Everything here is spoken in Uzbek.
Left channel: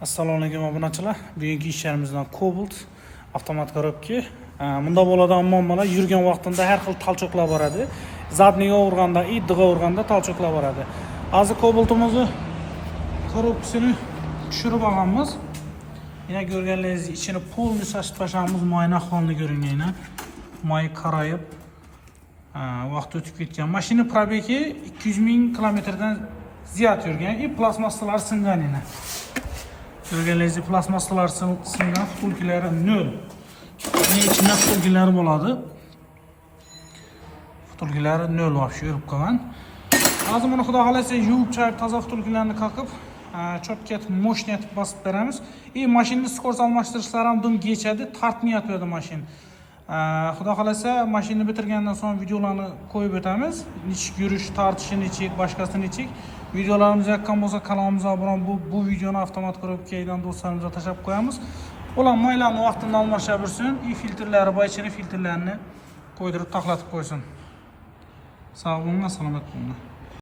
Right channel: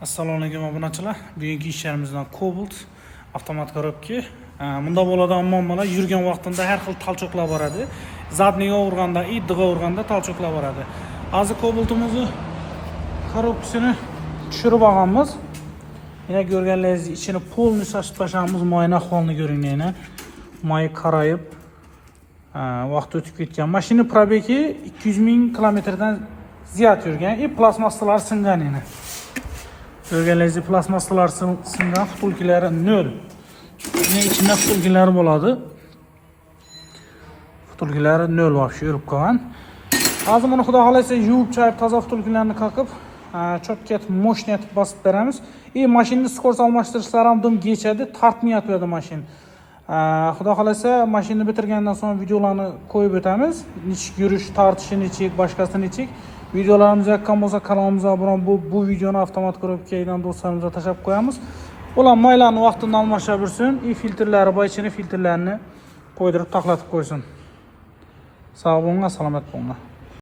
Assalomu alaykum obunachilar. Bugungi ishlarimizdan Cobalt avtomat korobka. Bunda bo'ladigan muammolar yurgan vaqtida har xil talchoqlar boradi. Zadniga urganda, iddiga urganda talchoqlar boradi. Hozir Cobaltimizni korobkasini tushirib olamiz. Yana ko'rganlaringiz ichini polni shashib tashlamiz, moyni ahvolini ko'ringlar. Moy qarayib, vaqt o'tib ketgan. Mashina probegi 200,000 kilometrdan ziyod yurgan. Plastmassalar singan edi. Görgənlərinizdə plastmassalar singan, vtulkilari 0. İçində vtulkilari bo'ladi. Vtulkilari 0 vaqti yurib qolgan. Hozir buni xudo xolasa yuvib chayib toza vtulkilarni qoqib, chokka moshni etib bosib beramiz. Mashinani skorost almashtirishlar ham dum kechadi, tortmayapti bu mashina. Xudo xolasa mashinani bitirgandan so'ng videolarni qo'yib o'tamiz. Nechik yurish, tortishi nechik, boshqasi nechik. Videolarimiz yoqqan bo'lsa kanalimizga obuna bu videoni avtomat korobkadan do'stlarimizga tashlab qo'yamiz. Ular maylarni vaqtida almashaversin, filtrlari bor, ichini filtrlarini qo'ydirib taxlatib qo'ysin. Sog' bo'linglar, salomat bo'linglar.